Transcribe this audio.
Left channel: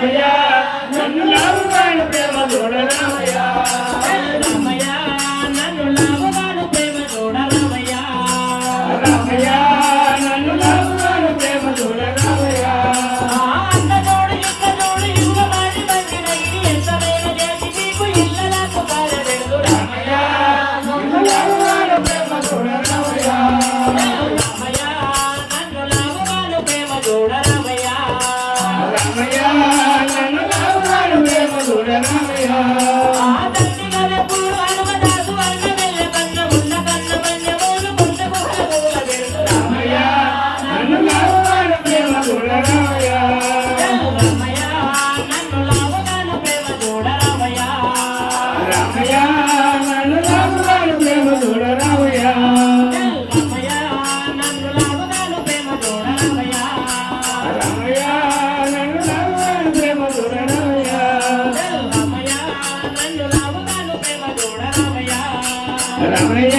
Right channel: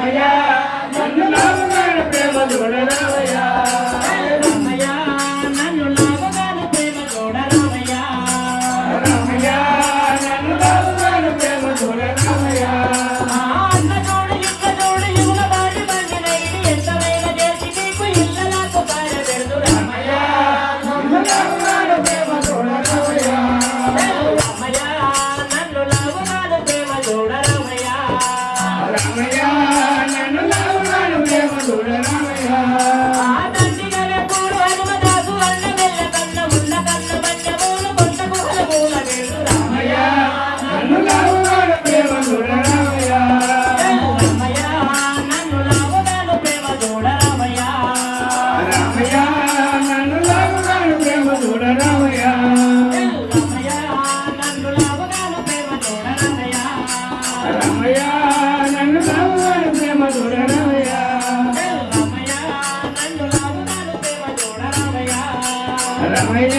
Yeah. Ramayya